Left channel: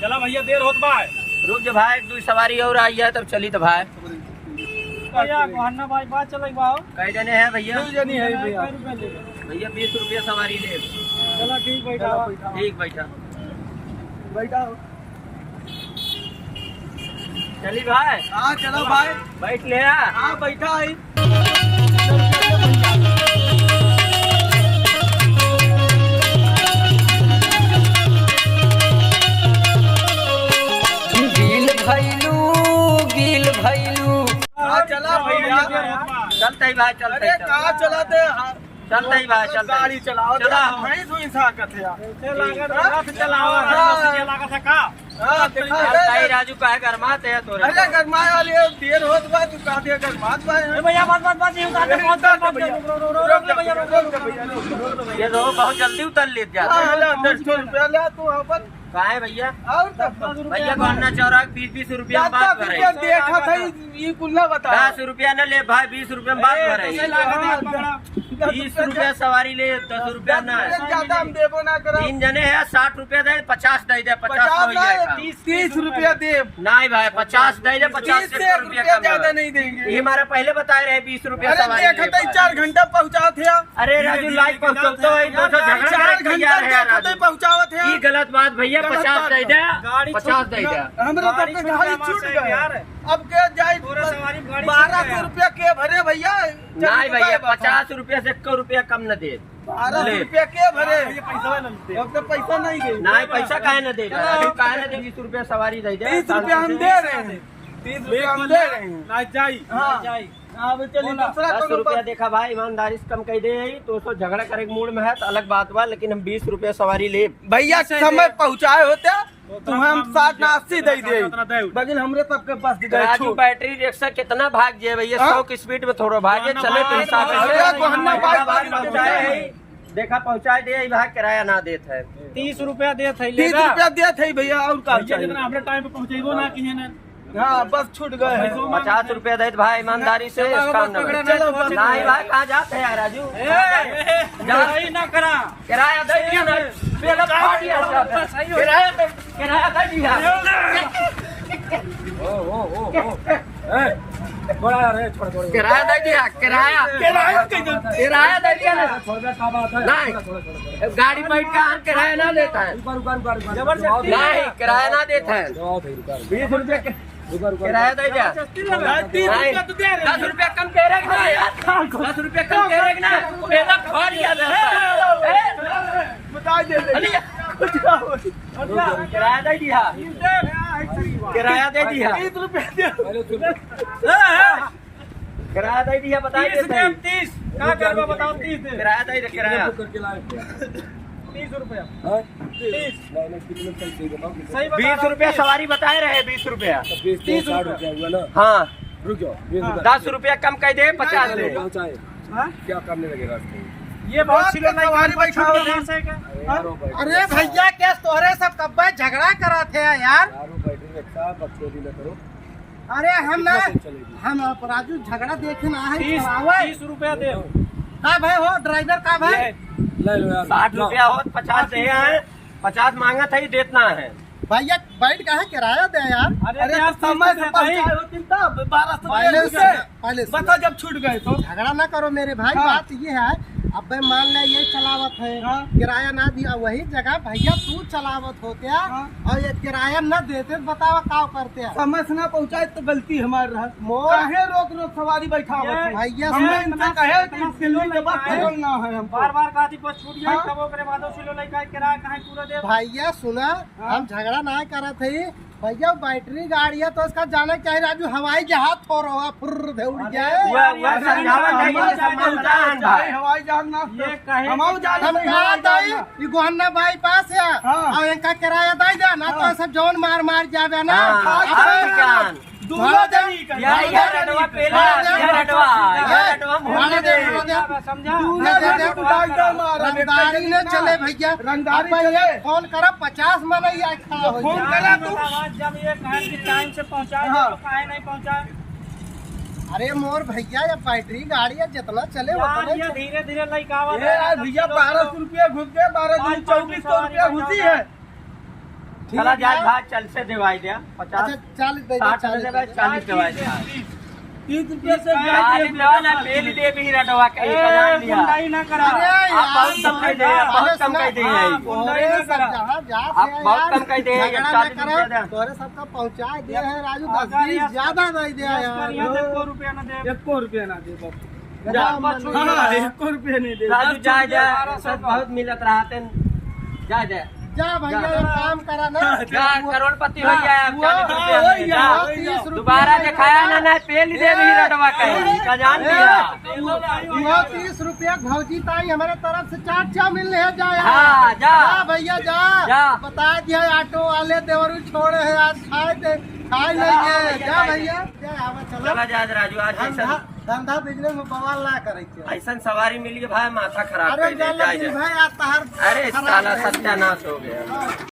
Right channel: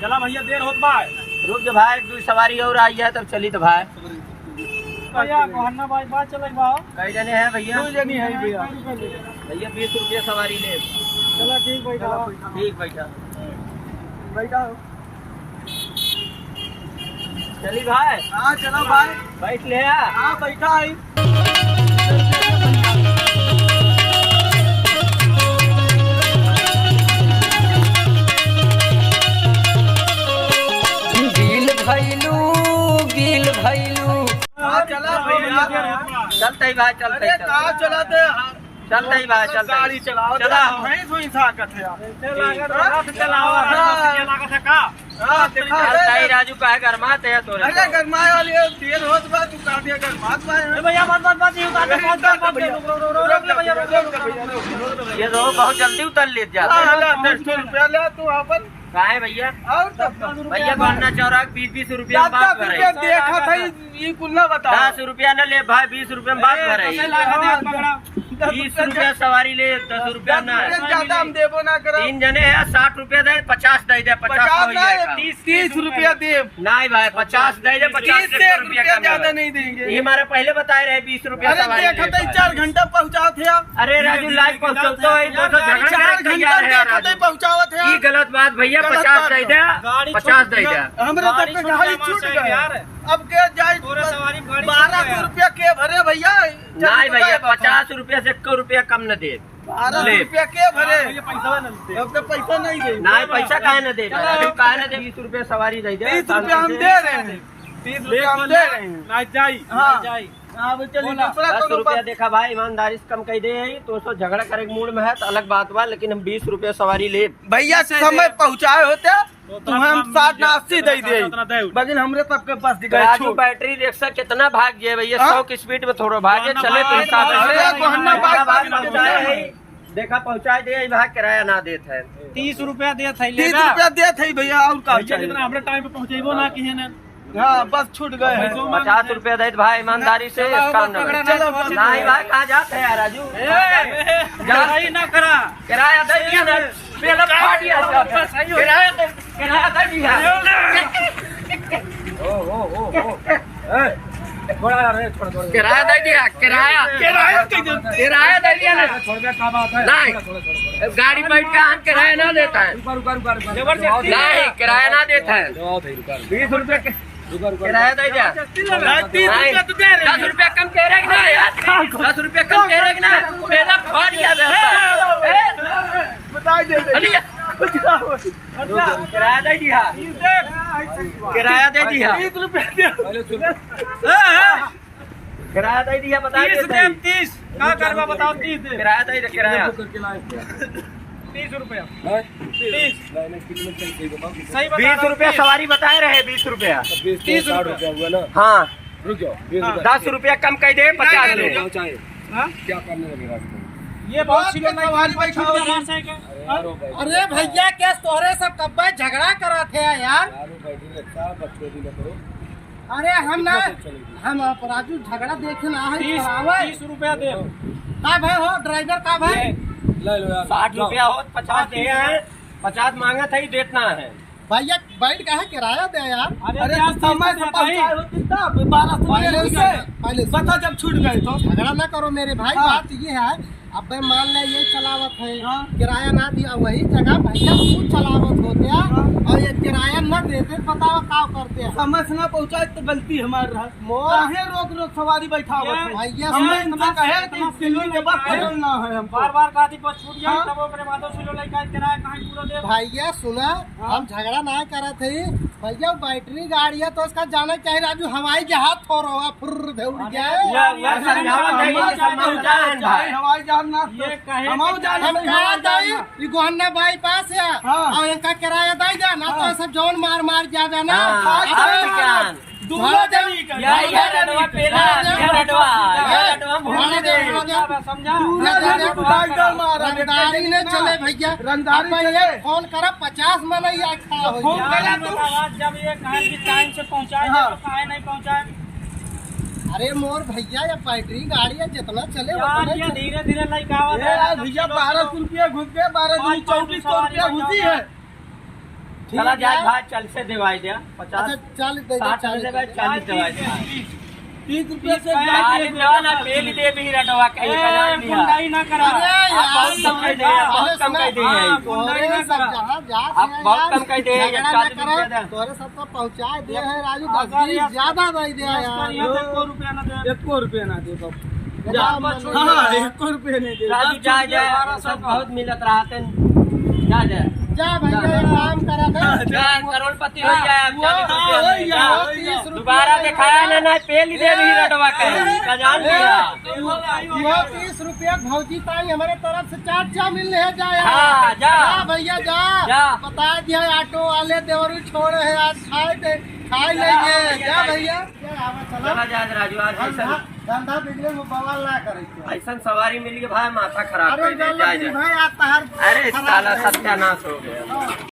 चला भैया देर होत बा। रुक जा भाई, दो सवारी और आई है तब चली तो भाई। भैया गोहन्ना भाई बात चले बा। कई जने हैं भैया? 2 जनी है भैया। भैया 20 रुपया सवारी ले। चला ठीक बैठा। ठीक बैठा बैठा। चली भाई। हाँ चलो भाई। बैठ ले। हाँ बैठा है। गिल भैलू। चला भैया। चलते ही भाई, चलते ही चलाते चलते ही भाई, चलते गाड़ी चलाओ। चला नहीं सुई साकत है। रथ चलावा लागत है का। चलता ही राजू का है गरमाते है तोरे। अरे गरमाए वाली देर होत बा तू काटे गरमात बा। ए भैया बात नहीं उतार दे। रोक ले भैया, रोक। ये तो बहुत जल्दी उतर ले जाते हैं। 10 रुपया ले तू अपन। कहा है भैया? और तब भैया गोन्ना चौराक 20-20 रुपया में बात कर रही है। देखा था ये कुल ना बता। 10 रुपया न ले भाई, 20 रुपया में बात कर रही है। 20 रुपया सवारी ले, 10 रुपया ना। ज्यादा हम देबो ना करो। 3 जने हैं, 60 रुपया दे, 50 दे दे, 50 30 रुपया दे। नहीं भाई 50 दे दे, 50 रुपया कम ज्यादा नहीं देंगे। ये हमारे पहले बताए रहे 20 रुपया सवारी ले। 4 घंटा पहुँचाओ थे। अरे राजू लाइव पहुँचो तो झगड़ा घंटा पहुँचाओ थे। ये गलत बात भैया। 50 दे दे, 50 दे दे। हमरा तो गाड़ी छूट गया। अब के जाए 1200 रुपया के भरे भैया। नहीं भैया 50 रुपया से 1 रुपया कम न दे। 1200 रुपया के भरे। अब तो पैसा नहीं दे। नहीं पैसा काहे न दे, राजू काहे न दे? 20 रुपया सवारी दे दे। 30 रुपया हम दे रहे हैं। 30 रुपया हम दे रहे हैं। ना जाई। हाँ अब चलिए 10 रुपया देखा भाई, ईमानदारी से कम कही दे। तो झगड़ा करे के मूड में है तो अलग बात बा, लेकिन हम 20 रुपया सवारी ले। भैया समय पहुँचाए होते तो हम 60 ना 80 दे दे। लेकिन हमरे सबके पास राजू बैटरी रिक्शा कितना भाग जाए भैया? 100 की स्पीड में थोड़ा भागे चले तो हिसाब से देखा पहुँचाए दे। भाग किराया ना देते है। 30 रुपया दे थे। 30 रुपया दे थे भैया। और का हमरे टाइम पे पहुँचेबो ना किहे ने। हाँ बस छूट गए। 50 रुपया दे भाई, ईमानदारी से काम न करे। नहीं भाई कहाँ जाते हैं राजू? ना करा किराया दे दिया ना। किराया दे दिया। किराया दे दिया। किराया दे दिया ना। नहीं गाड़ी बैठ का हम किराया ना देता है। नहीं किराया ना देता है। 20 रुपया किराया दे दिया। 10 रुपया कम कह रहे ना यार। 10 रुपया कम कह रहे ना। मेरा फाड़ दिया बता दे। किराया दे दिया। किराया दे दिया। 30 रुपया किराया दे दिया। बता 30 का करवा बताओ। 30 दे। किराया दे दिया। किराया 30 रुपया। 30 सही 20 रुपया सवारी बताए रहे। 20 रुपया 30 रुपया हुआ ना। हाँ रुक जाओ। 10 रुपया कम कह दे। 50 ले। क्या करने लगेगा? ये बहुत सिलो नहीं सवारी बैठाओ। अरे भैया क्या तोहरे सब कब झगड़ा करा थे यार? अरे हम ना हम राजू झगड़ा देखे ना है। 30 रुपया दे। का भाई हो ड्राइवर का भाई? ले लो यार। 60 रुपया हो 50 दे हैं। 50 मांगा था ही देतना है। भैया बैठ का है किराया दे यार। अरे तो समय से पहुँचाए होती तब 1200 पहले पता जब छूट गए तो। झगड़ा ना करो मेरे भाई। बात ये है अब मान ले ये चलावत है। किराया ना दिया वही जगह भैया तू चलावत होते और ये किराया न देते बताओ क्या करते हैं? समय से ना पहुँचाए तो गलती हमारी रहा। मोर काहे रोक सवारी बैठावत है? भैया हमें इनसे कहे कि दिल्ली के बाद बोलना है हमको। बार गाड़ी पर छूट जाए तब ओकरे बाद सिलो लेके किराया काहे पूरा दे। भैया सुना हम झगड़ा ना करा थे भैया। बैटरी गाड़ी है तो इसका जाना चाहिए राजू। हवाई जहाज थोड़ा हुआ फुर्र दे उड़ जाए। हवाई जहाज ना ये कहे हम कहा दाई ये गोहन्ना भाई पास है और इनका किराया दे दे ना तो सब जौन मार मार जावे ना। दूल्हा जनी का रंगदारी ने चले भैया। रंगदारी फोन कर 50 में नहीं आए खड़ा हो गया। जब ये कहे कि टाइम से पहुँचाए तो काहे नहीं पहुँचाए? अरे मोर भैया या बैटरी गाड़ी है जितना चले उतना धीरे धीरे भैया 1200 रुपया घुस गए। 1200 2400 रुपया घुसी है। चला जाए भाई, चल से दिवाई दिया 50 अच्छा 40 दे दो, 60 से भाई 40 दिवाई दिया 30 रुपये से 40 दिवा ना पेल दे भी रटवा के कमान दिया गुंडाई ना करा अरे आप बहुत कम कह दे, बहुत कम कह दे तोरे सब जहाँ जात आप है बहुत यार, कम कह दे, झगड़ा ना 40 करो, रुपया दे। तोरे सबका पहुँचा दे है राजू, 10-20 ज्यादा दे दे यार। 1 रुपया ना दे 1 रुपया ना दे बाबू। गधा मन हाँ, है। 1 रुपया नहीं दे। राजू जा जा, सब बहुत मिलत रहते जा जा जा भैया एक काम करा ना, जा करोड़पति हो गया अब 40 हाँ, रुपया हो में, गया, जा। हो गया। 30 रुपया दोबारा दिखाया ना ना पेल दे भी रटवा के का जान दिया यो 30 रुपया भौजी ताई हमारे तरफ से चाट चा मिल रहे जा यार। हाँ, जा। भैया जा, जा। बता दिया ऑटो वाले देवरू छोड़े है, आज खाए लेंगे। जा भैया जा, आवा चला चलो। जा राजू, आज ऐसा धंधा बिजनेस में बवाल ना करे के। ऐसा सवारी मिली है भाई, माथा खराब अरे कर देता भाई है। आज तहर अरे साला सत्यानाश हो गया।